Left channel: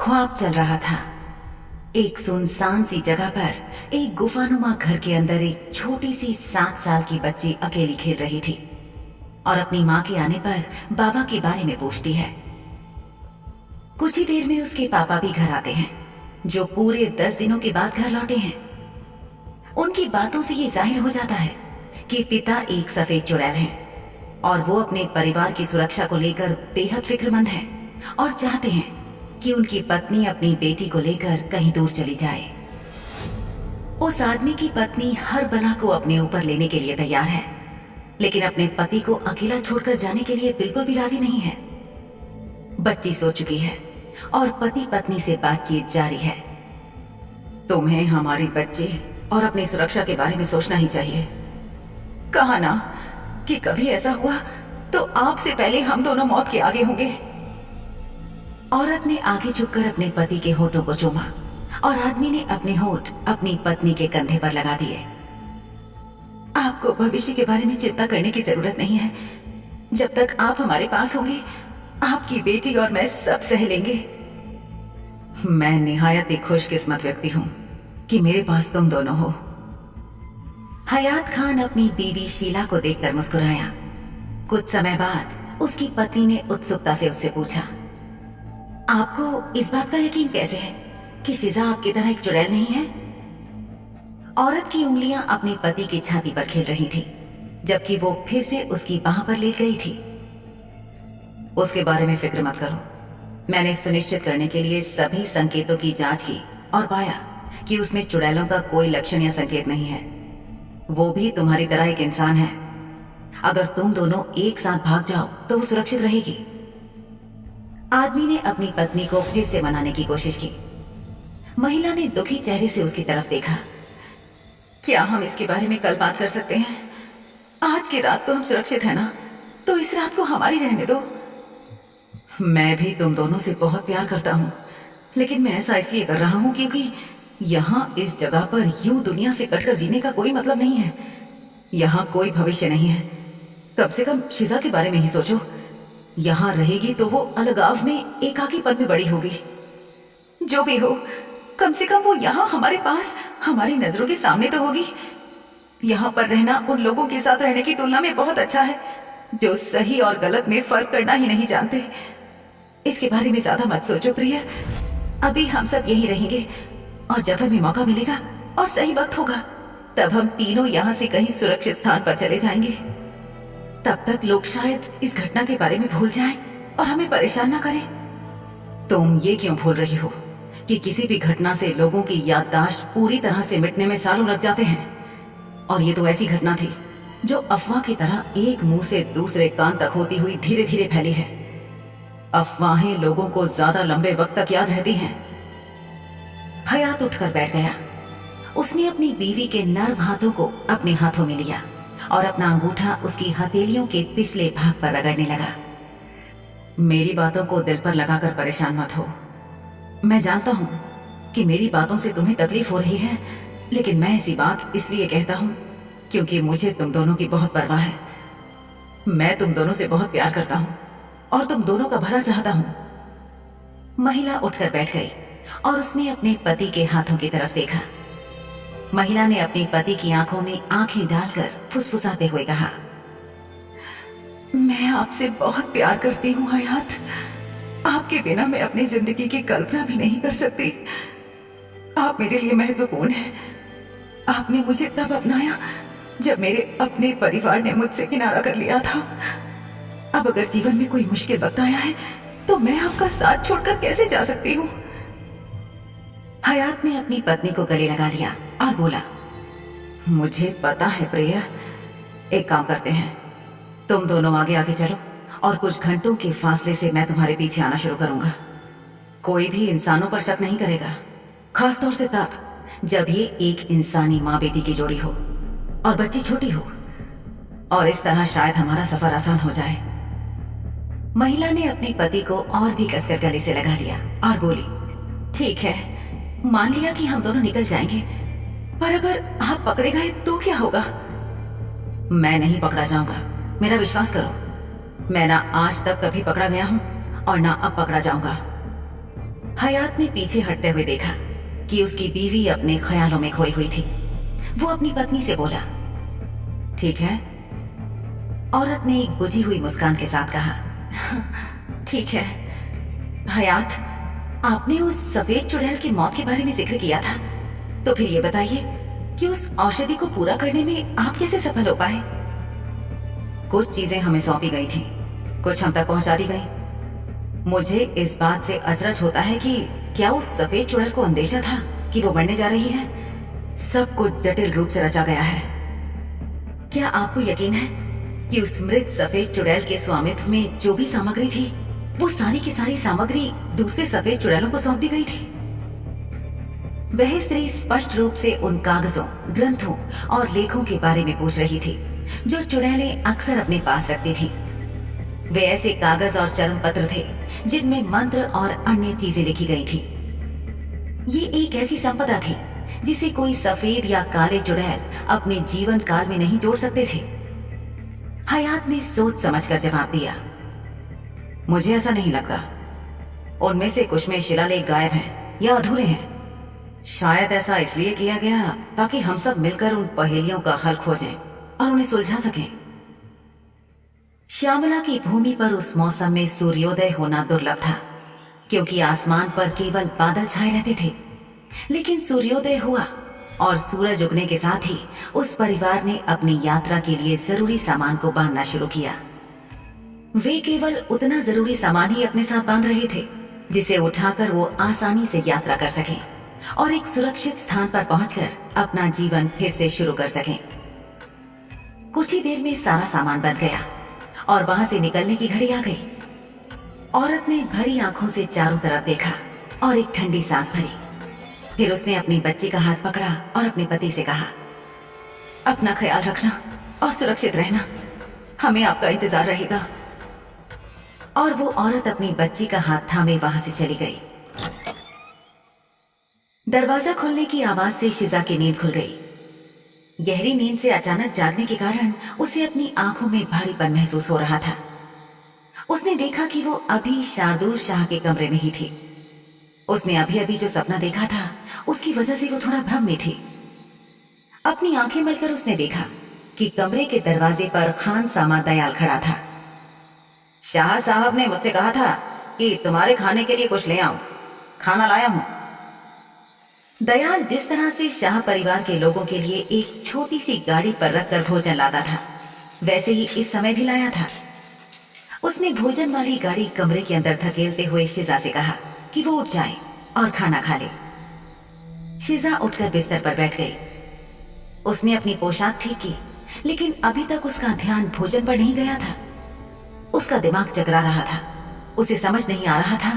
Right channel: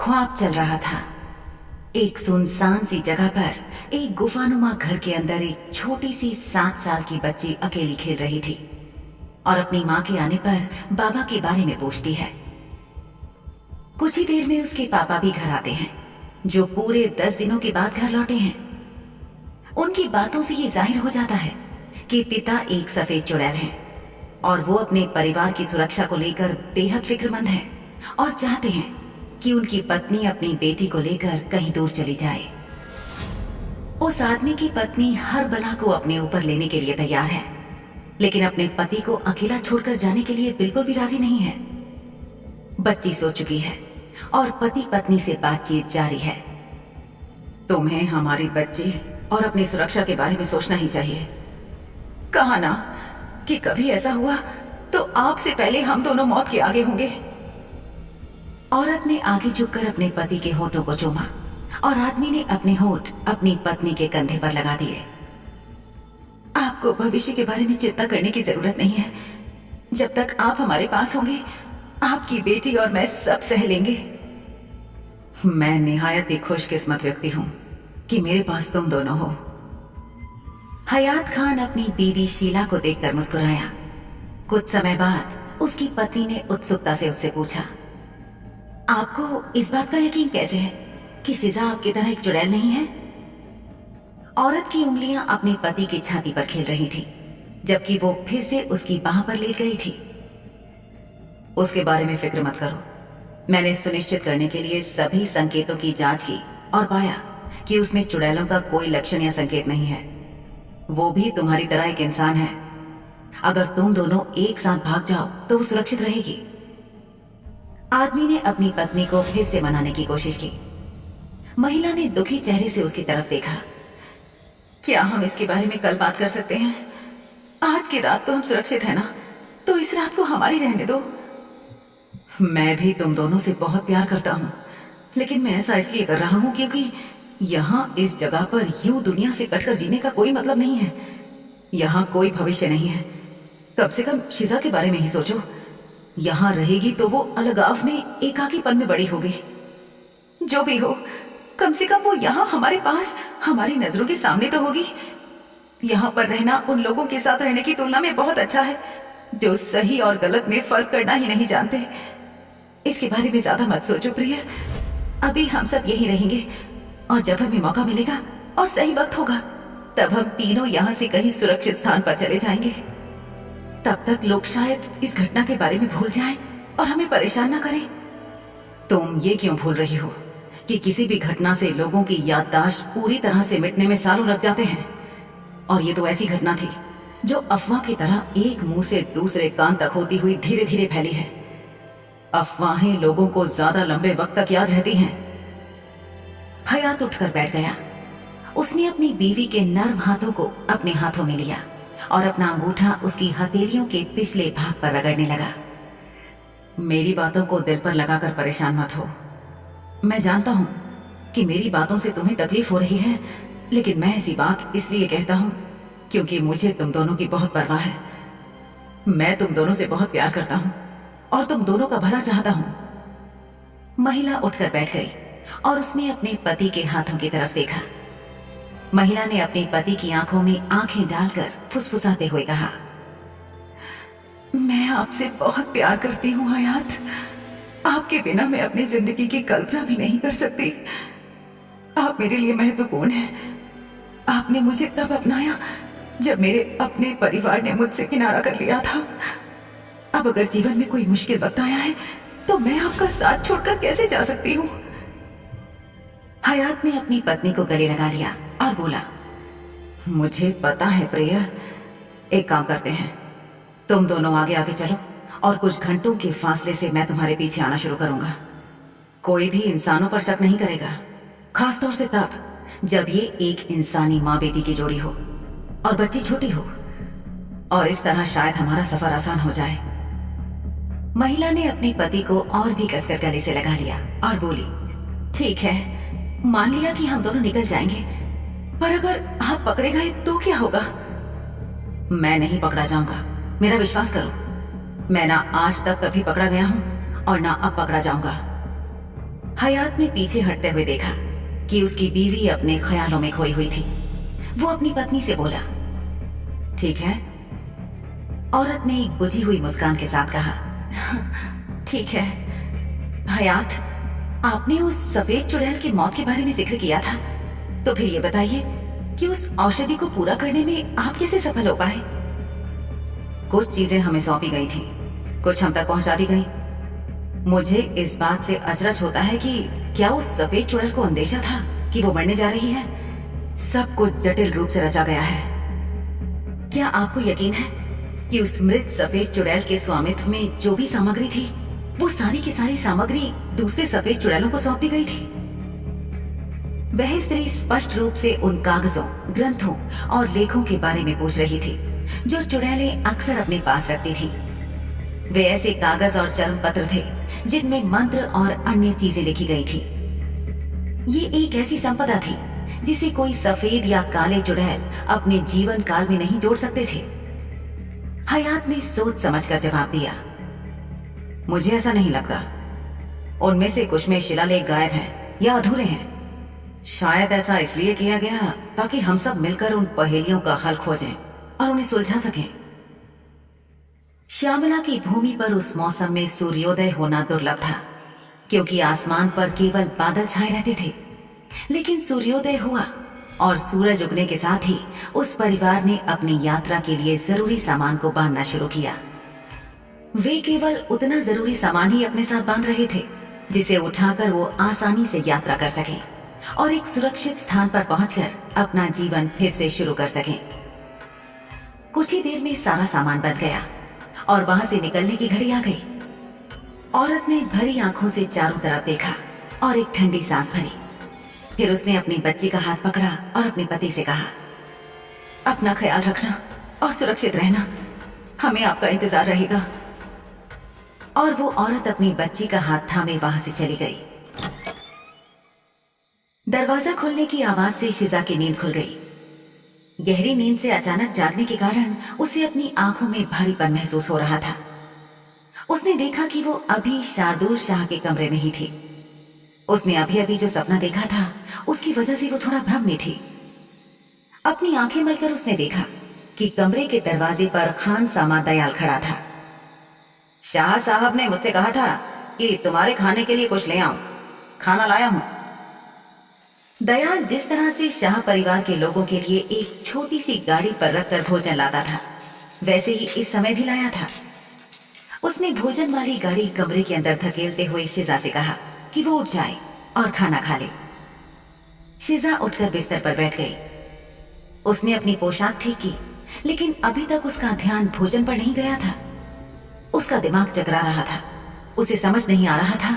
ख्वाब चल रहा था। एक सुनसान सी जगह पर एक गुफानुमा घर के अंदर एक छोटी सी 7 साल की बच्ची अकेली खेल रही थी और अपनी माँ के आने पर बाबा के बारे में पूछती है। कुछ ही देर में उसके पापा भी घर आते हैं, जो पूरे 10 दिनों के बाद घर लौटे हैं। उनकी बातों से ये जाहिर हो जाता है कि पिता एक सफेद चुड़ैल हैं और वो अपने परिवार की सुरक्षा को लेकर बेहद फिक्रमंद हैं और चाहते हैं कि उनकी पत्नी अपनी बेटी को लेकर कहीं दूर चली जाए। उस आदमी की पत्नी हर बला को अपने ऊपर लेने के लिए तैयार है, लेकिन अपने पति को अकेला छोड़कर जाने के लिए बिल्कुल भी राजी नहीं है। बच्ची सो चुकी है और पति पत्नी से बातचीत जारी है। तुम्हें हमारी बच्ची और अपनी सुरक्षा के बारे में सोचना ही चाहिए। कहा ना कि कभी ऐसा हुआ तो आपसे पहले हम दोनों मौत के आगे होंगे। औरत ने आगे झुककर अपने पति के होठों को चूमा और आदमी ने अपने होठ अपनी पत्नी के कंधे पर लगा दिए। आपको भविष्य के बारे में चिंता करने की जरूरत नहीं है। जब तक आप हमारे पास होंगे, आपकी बेटी और मैं सब सह लेंगे। मैं निहायत ही खुशकिस्मत व्यक्ति हूं कि मेरे पास तुम दोनों हो। हयात खान अपनी बीवी शीला को देखकर मुस्कुराया। कुछ समय बाद उसकी पत्नी ने उत्सुकता से उससे पूछा, आपको इस बात का यकीन कैसे है कि शिजा आपकी तरह एक चुड़ैल नहीं है? औरत की उंगलियां अपने पति की छाती पर खेल रही थी, जबकि वो फिर से उसकी बाह पर लेट गई थी। उसके बारे में फिक्र मत करो। मैंने सुनिश्चित करने के लिए सभी संकेतों की जांच की और पाया कि उसमें चुड़ैलों का कोई लक्षण या संकेत नहीं है। वो भी तुम्हारी तरह एक इंसान है। अगर तुम दोनों एक साथ भाग जाओ तो वो सुरक्षित रहेगी। आदमी ने अपनी पत्नी को फिर से मनाने की कोशिश की। महिला ने दुखी चेहरे से उसकी तरफ देखा। क्या हम इसके बारे में कल बात कर सकते हैं? आज की रात तो हम सुरक्षित हैं ना, तो इस रात को हमारी रहने दो। मैं भी तुम दोनों से बहुत प्यार करता हूं, लेकिन मैं ऐसा इसलिए कर रहा हूं क्योंकि यहां इस जगह पर यूं दुनिया से कटकर जीने का कोई मतलब नहीं है। यहां कोई भविष्य नहीं है। कम से कम शिजा के बारे में ही सोचो। यहां रहेगी तो वो अलगाव में, एकाकीपन में बड़ी होगी। जो भी हो, कम से कम वो यहां हमारे पास, हमारी नजरों के सामने तो होगी। यहां पर रहना उन लोगों के साथ रहने की तुलना में बहुत अच्छा है जो सही और गलत में फर्क करना ही नहीं जानते। इसके बारे में ज्यादा मत सोचो प्रिय। अभी हम सब यहीं रहेंगे और जब हमें मौका मिलेगा और सही वक्त होगा, तब हम तीनों यहां से कहीं सुरक्षित स्थान पर चले जाएंगे। तब तक लोग शायद इस घटना के बारे में भूल जाएं और हमें परेशान ना करें। तुम ये क्यों भूल रही हो कि किसी भी घटना से लोगों की याददाश्त पूरी तरह से मिटने में सालों लग जाते हैं, और ये तो ऐसी घटना थी जो अफवाह की तरह एक मुंह से दूसरे कान तक होती हुई धीरे धीरे फैली है। अफवाहें लोगों को ज्यादा लंबे वक्त तक याद रहती हैं। हयात उठकर बैठ गया। उसने अपनी बीवी के नर्म हाथों को अपने हाथों में लिया और अपना अंगूठा उसकी हथेलियों के पिछले भाग पर रगड़ने लगा। मेरी बातों को दिल पर लगाकर परेशान मत हो। मैं जानता हूं कि मेरी बातों से तुम्हें तकलीफ हो रही है, लेकिन मैं ऐसी बात इसलिए कहता हूं क्योंकि मुझे तुम दोनों की बहुत परवाह है। मैं तुम दोनों से बहुत प्यार करता हूं और तुम दोनों का भला चाहता हूं। महिला उठकर बैठ गई और उसने अपने पति के हाथों की तरफ देखा। महिला ने अपने पति की आंखों में आंखें डालकर फुसफुसाते हुए कहा, मैं आपसे बहुत प्यार करती हूँ हयात। आपके बिना मैं अपनी जिंदगी की कल्पना भी नहीं कर सकती। आप मेरे लिए महत्वपूर्ण हैं। आपने मुझे तब अपनाया जब मेरे अपने परिवार ने मुझसे किनारा कर लिया था। अब अगर जीवन में कोई मुश्किल वक्त आया है तो मैं आपका साथ छोड़कर कैसे जा सकती हूँ? हयात ने अपनी पत्नी को गले लगा लिया और बोला, मुझे पता है प्रिय। एक काम करते हैं, तुम दोनों आगे आगे चलो और कुछ घंटों के फासले से मैं तुम्हारे पीछे आना शुरू करूंगा। कोई भी इंसानों पर शक नहीं करेगा, खासतौर से तब जब ये एक इंसानी माँ बेटी की जोड़ी हो और बच्ची छोटी हो, और इस तरह शायद हमारा सफर आसान हो जाए। महिला ने अपने पति को और भी कसकर गले से लगा लिया और बोली, ठीक है, मान लिया कि हम दोनों निकल जाएंगे, पर अगर आप पकड़े गए तो क्या होगा? मैं नहीं पकड़ा जाऊंगा, मेरा विश्वास करो। मैं ना आज तक कभी पकड़ा गया हूं और ना अब पकड़ा जाऊंगा। हयात ने पीछे हटते हुए देखा कि उसकी बीवी अपने ख्यालों में खोई हुई थी। वो अपनी पत्नी से बोला, ठीक है? औरत ने एक बुझी हुई मुस्कान के साथ कहा, ठीक है। हयात, आपने उस सफेद चुड़ैल की मौत के बारे में जिक्र किया था, तो फिर ये बताइए कि उस औषधि को पूरा करने में आप कैसे सफल हो पाए? कुछ चीजें हमें सौंपी गई थी, कुछ हम तक पहुंचा दी गई। मुझे इस बात से अचरज होता है कि क्या उस सफेद चुड़ैल को अंदेशा था कि वो मरने जा रही है? सब कुछ जटिल रूप से रचा गया है। क्या आपको यकीन है कि उस मृत सफेद चुड़ैल के स्वामित्व में जो भी सामग्री थी, वो सारी की सारी सामग्री दूसरे सफेद चुड़ैलों को सौंप दी गई थी? वह स्त्री स्पष्ट रूप से उन कागजों, ग्रंथों और लेखों के बारे में पूछ रही थी जो चुड़ैलें अक्सर अपने पास रखती थी। वे ऐसे कागज और चर्म पत्र थे जिनमें मंत्र और अन्य चीजें लिखी गई थी। ये एक ऐसी संपदा थी जिसे कोई सफेद या काले चुड़ैल अपने जीवन काल में नहीं जोड़ सकते थे। हयात ने सोच समझकर जवाब दिया, मुझे ऐसा नहीं लगता। उनमें से कुछ में शिलालेख गायब हैं या अधूरे हैं। शायद ऐसा इसलिए किया गया ताकि हम सब मिलकर उन पहेलियों का हल खोजें और उन्हें सुलझा सकें। श्यामला की भूमि पर उस मौसम में सूर्योदय होना दुर्लभ था, क्योंकि आसमान पर केवल बादल छाए रहते थे। लेकिन सूर्योदय हुआ और सूरज उगने के साथ ही उस परिवार ने अपनी यात्रा के लिए जरूरी सामान को बांधना शुरू किया। वे केवल उतना जरूरी सामान ही अपने साथ बांध रहे थे जिसे उठाकर वो आसानी से यात्रा कर सकें और एक सुरक्षित स्थान पर पहुंचकर अपना जीवन फिर से शुरू कर सकें। कुछ ही देर में सारा सामान बंध गया और वहां से निकलने की घड़ी आ गई। औरत ने भरी आंखों से चारों तरफ देखा और एक ठंडी सांस भरी। फिर उसने अपनी बच्ची का हाथ पकड़ा और अपने पति से कहा, अपना ख्याल रखना और सुरक्षित रहना, हमें आपका इंतजार रहेगा। और वो औरत अपनी बच्ची का हाथ थामे वहां से चली गई। दरवाजा खुलने की आवाज से शिजा की नींद खुल गई। गहरी नींद से अचानक जागने के कारण उसे अपनी आंखों में भारीपन महसूस हो रहा था। उसने देखा कि वो अभी शार्दुल शाह के कमरे में ही थी। उसने अभी अभी जो सपना देखा था उसकी वजह से वो थोड़ा भ्रम में थी। अपनी आंखें मलकर उसने देखा कि कमरे के दरवाजे पर खान सामा दयाल खड़ा था। शाह साहब ने मुझसे कहा था कि तुम्हारे खाने के लिए कुछ ले आऊं, खाना लाया हूं। दयाल जिस तरह से शाह परिवार के लोगों के लिए एक छोटी सी गाड़ी पर रखकर भोजन लाता था, वैसे ही इस समय भी लाया था। उसने भोजन वाली गाड़ी कमरे के अंदर धकेलते हुए शिजा से कहा कि वो उठ जाए और खाना खा ले। शिजा उठकर बिस्तर पर बैठ गई। उसने अपनी पोशाक ठीक की, लेकिन अभी तक उसका ध्यान भोजन पर नहीं गया था। उसका दिमाग चकरा रहा था। उसे समझ नहीं आ रहा था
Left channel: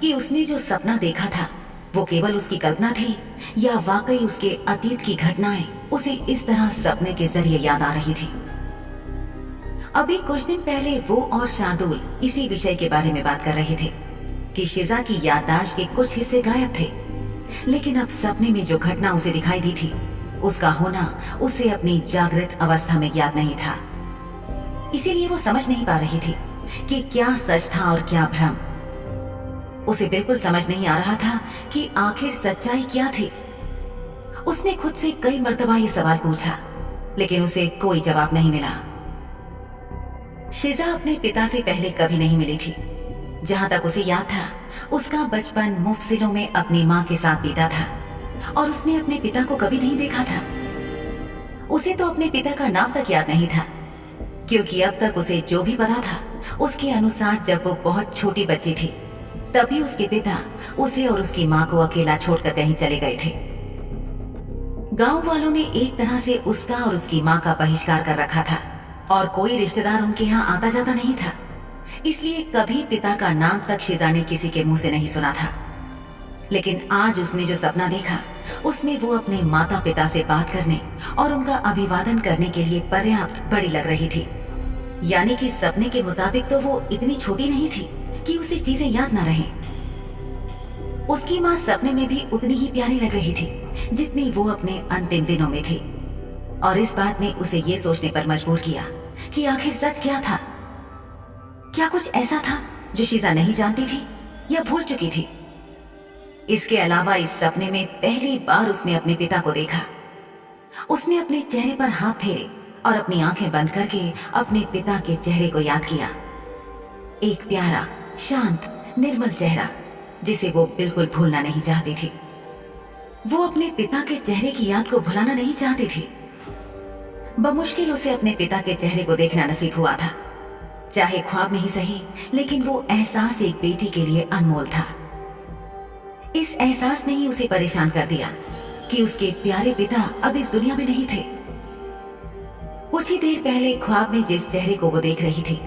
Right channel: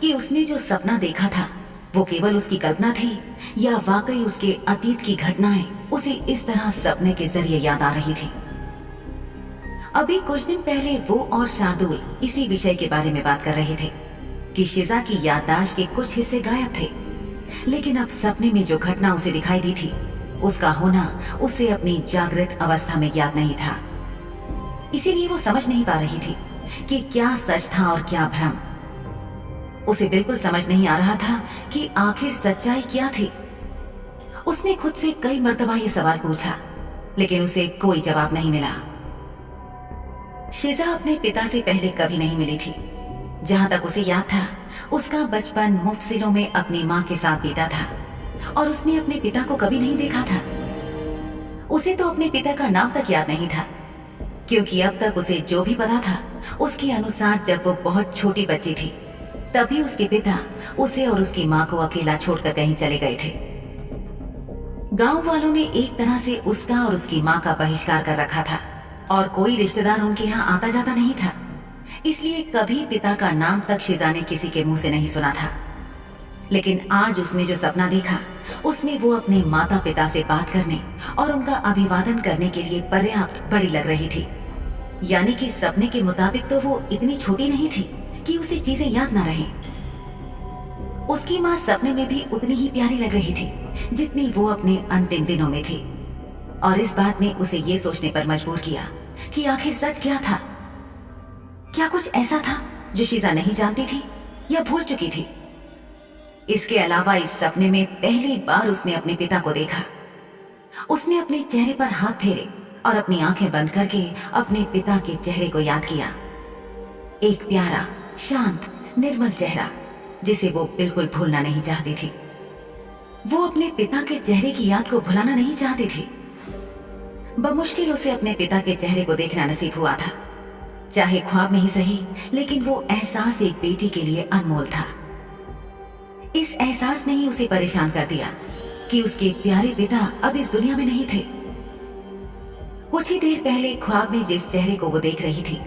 कि उसने जो सपना देखा था वो केवल उसकी कल्पना थी या वाकई उसके अतीत की घटनाएं उसे इस तरह सपने के जरिए याद आ रही थी। अभी कुछ दिन पहले वो और शार्दुल इसी विषय के बारे में बात कर रहे थे कि शिजा की याददाश्त के कुछ हिस्से गायब थे, लेकिन अब सपने में जो घटना उसे दिखाई दी थी उसका होना उसे अपनी जागृत अवस्था में याद नहीं था। इसीलिए वो समझ नहीं पा रही थी कि क्या सच था और क्या भ्रम। उसे बिल्कुल समझ नहीं आ रहा था कि आखिर सच्चाई क्या थी। उसने खुद से कई मर्तबा ये सवाल पूछा, लेकिन उसे कोई जवाब नहीं मिला। शिजा अपने पिता से पहले कभी नहीं मिली थी। जहां तक उसे याद था, उसका बचपन मुफसिलों में अपनी माँ के साथ बीता था और उसने अपने पिता को कभी नहीं देखा था। उसे तो अपने पिता का नाम तक याद नहीं था, क्योंकि अब तक उसे जो भी पता था उसके अनुसार जब वो बहुत छोटी बच्ची थी तभी उसके पिता उसे और उसकी माँ को अकेला छोड़कर कहीं चले गए थे। गांव वालों ने एक तरह से उसका और उसकी माँ का बहिष्कार कर रखा था और कोई रिश्तेदार उनके यहाँ आता जाता नहीं था। इसलिए कभी पिता का नाम तक शिजा ने किसी के मुंह से नहीं सुना था। लेकिन आज उसने जो सपना देखा उसमें वो अपने माता पिता से बात करने और उनका अभिवादन करने के लिए पर्याप्त बड़ी लग रही थी। यानी कि सपने के मुताबिक तो वो इतनी छोटी नहीं थी कि उसे चीजें याद ना रहें। उसकी माँ सपने में भी उतनी ही प्यारी लग रही थी जितनी वो अपने अंतिम दिनों में थी। और इस बात ने उसे ये सोचने पर मजबूर किया कि आखिर सच क्या था। क्या कुछ ऐसा था जो शिजा नहीं जानती थी या भूल चुकी थी? इसके अलावा इस सपने में पहली बार उसने अपने पिता को देखा। उसने अपने चेहरे पर हाथ फेरे और अपनी आंखें बंद करके अपने पिता के चेहरे को याद किया। एक प्यारा, शांत, निर्मल चेहरा जिसे वो बिल्कुल भूलना नहीं चाहती थी। वो अपने पिता के चेहरे की याद को भुलाना नहीं चाहती थी। बमुश्किल उसे अपने पिता के चेहरे को देखना नसीब हुआ था, चाहे ख्वाब में ही सही, लेकिन वो एहसास एक बेटी के लिए अनमोल था। इस एहसास ने ही उसे परेशान कर दिया कि उसके प्यारे पिता अब इस दुनिया में नहीं थे। कुछ ही देर पहले ख्वाब में जिस चेहरे को वो देख रही थी,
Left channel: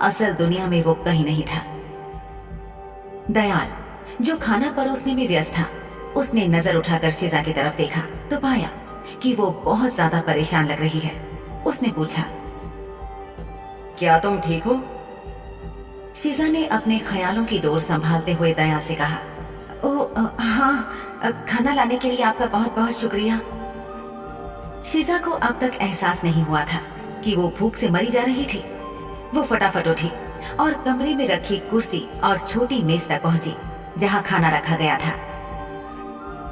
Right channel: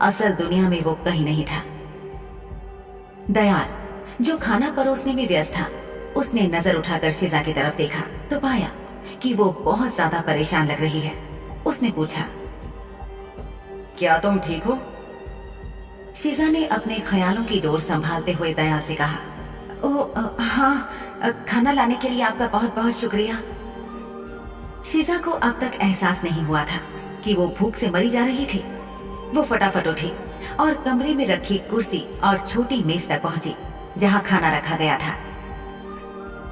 असल दुनिया में वो कहीं नहीं था। दयाल, जो खाना परोसने में व्यस्त था, उसने नजर उठाकर शिजा की तरफ देखा तो पाया कि वो बहुत ज्यादा परेशान लग रही है। उसने पूछा, क्या तुम ठीक हो? शिजा ने अपने ख्यालों की डोर संभालते हुए दयाल से कहा, हाँ, खाना लाने के लिए आपका बहुत बहुत शुक्रिया। शिजा को अब तक एहसास नहीं हुआ था कि वो भूख से मरी जा रही थी। वो फटाफट उठी और कमरे में रखी कुर्सी और छोटी मेज तक पहुंची जहां खाना रखा गया था।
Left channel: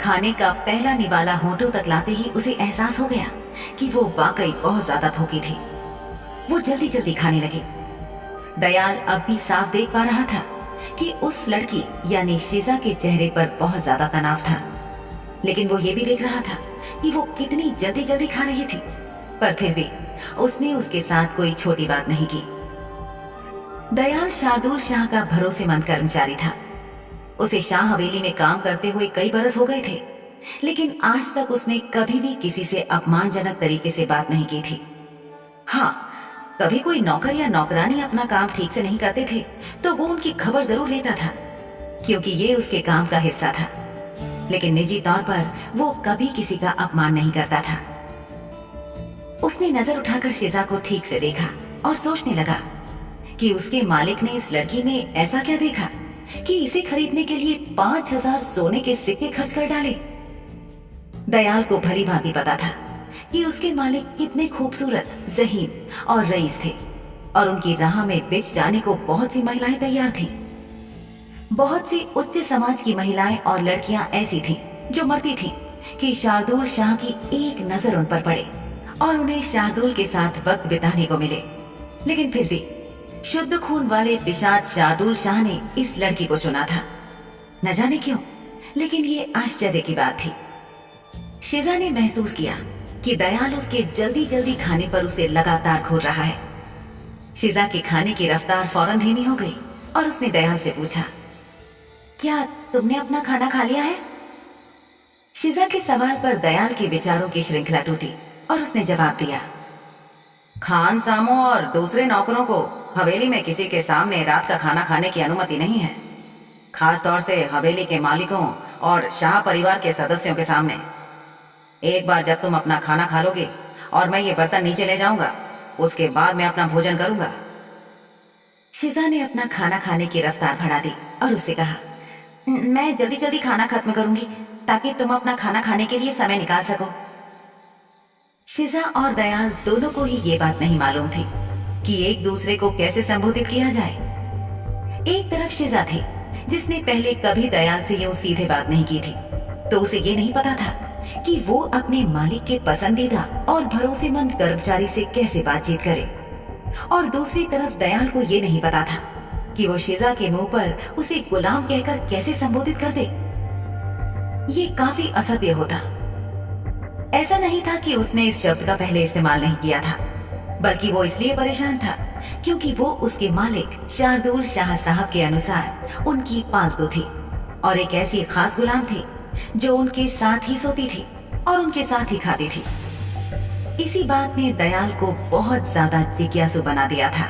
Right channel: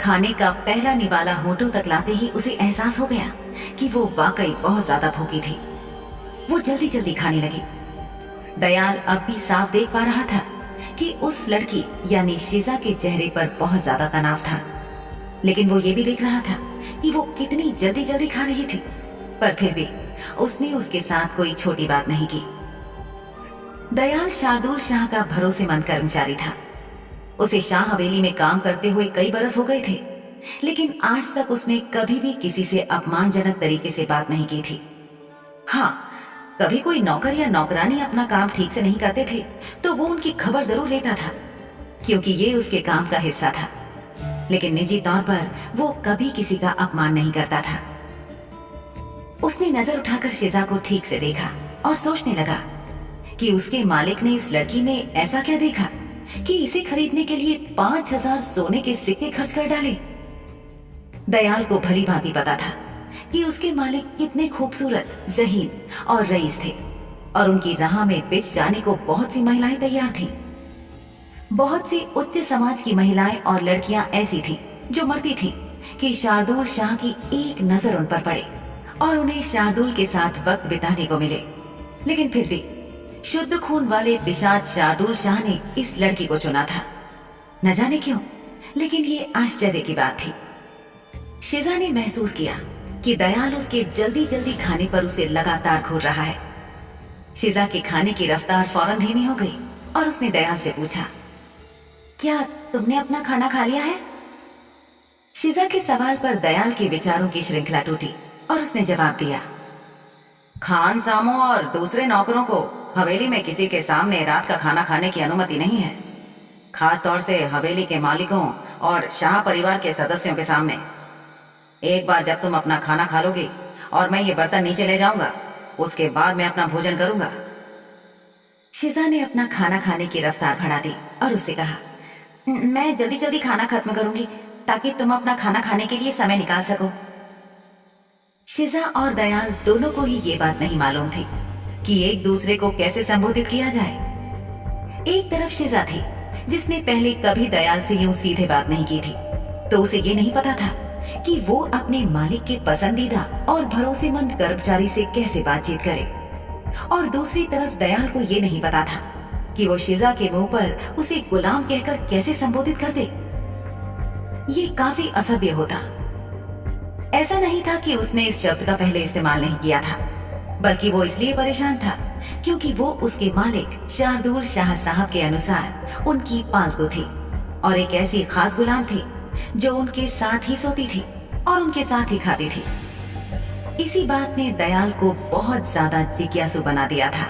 खाने का पहला निवाला होठों तक लाते ही उसे एहसास हो गया कि वो वाकई बहुत ज्यादा भूखी थी। वो जल्दी जल्दी खाने लगी। दयाल अब भी साफ देख पा रहा था कि उस लड़की यानी शिजा के चेहरे पर बहुत ज्यादा तनाव था, लेकिन वो ये भी देख रहा था कि वो कितनी जल्दी जल्दी खा रही थी। पर फिर भी उसने उसके साथ कोई छोटी बात नहीं की। दयाल शार्दुल शाह का भरोसेमंद कर्मचारी था। उसे शाह हवेली में काम करते हुए कई बरस हो गए थे, लेकिन आज तक उसने कभी भी किसी से अपमानजनक तरीके से बात नहीं की थी। हाँ, कभी कोई नौकर या नौकरानी अपना काम ठीक से नहीं करते थे तो वो उनकी खबर जरूर लेता था, क्योंकि ये उसके काम का हिस्सा था। लेकिन निजी तौर पर वो कभी किसी का अपमान नहीं करता था। उसने नजर उठाकर शिजा को ठीक से देखा और सोचने लगा कि उसके मालिक ने इस लड़की में ऐसा क्या देखा कि इसे खरीदने के लिए 5,000 सोने के सिक्के खर्च कर डाले। दयाल को भली भांति पता था कि उसके मालिक कितने खूबसूरत, ज़हीन और रईस थे और उनकी राह में बिछ जाने को बहुत सी महिलाएं तैयार थीं। बहुत सी उच्च समाज की महिलाएं और लड़कियां ऐसी थीं जो मरती थीं कि शार्दुल शाह की एक नजर उन पर पड़े और उन्हें शार्दुल के साथ वक्त बिताने को मिले। लेकिन फिर भी शुद्ध खून वाले पिशाच शार्दुल शाह ने इस लड़की को चुना था। न जाने क्यों, लेकिन ये आश्चर्य की बात थी। शिजा ने महसूस किया कि दयाल उसके जल्दी जल्दी खाने पर उसे लगातार घूर रहा है। शिजा के खाने की रफ्तार फौरन धीमी हो गई और उसने दयाल से पूछा, क्या तुमने अपना खाना खा लिया है? शिजा के सवाल पर दयाल के विचारों की श्रृंखला टूटी और उसने जवाब दिया, खान सामो और दूसरे नौकरों को हवेली में किसी के सामने रात का खाना खाने की अनुमति नहीं है, खास तौर से हवेली के मालिकों और शाह परिवार के सदस्यों के सामने। एक बार जब तुम अपना खाना खा लोगे और मैं ये बर्तन नीचे ले जाऊंगा, उसके बाद मैं अपना भोजन करूंगा। शिजा ने अपना खाना खाने की रफ्तार बढ़ा दी और उससे कहा, मैं जल्दी जल्दी खाना खत्म करूंगी ताकि तुम अपना खाना खाने के लिए समय निकाल सको। शिजा और दयाल दोनों को ही ये बात नहीं मालूम थी कि एक दूसरे को कैसे संबोधित किया जाए। एक तरफ शिजा थी जिसने पहले कभी दयाल से यूं सीधे बात नहीं की थी, तो उसे ये नहीं पता था कि वो अपने मालिक के पसंदीदा और भरोसेमंद कर्मचारी से कैसे बातचीत करे। और दूसरी तरफ दयाल को ये नहीं पता था कि वो शिजा के मुंह पर उसे गुलाम कहकर कैसे संबोधित कर दे। ये काफी असभ्य होता। ऐसा नहीं था कि उसने इस शब्द का पहले इस्तेमाल नहीं किया था, बल्कि वो इसलिए परेशान था क्योंकि वो उसके मालिक शार्दुल शाह साहब के अनुसार उनकी पालतू थी और एक ऐसी खास गुलाम थी जो उनके साथ ही सोती थी और उनके साथ ही खाती थी। इसी बात ने दयाल को बहुत ज्यादा जिज्ञासु बना दिया था।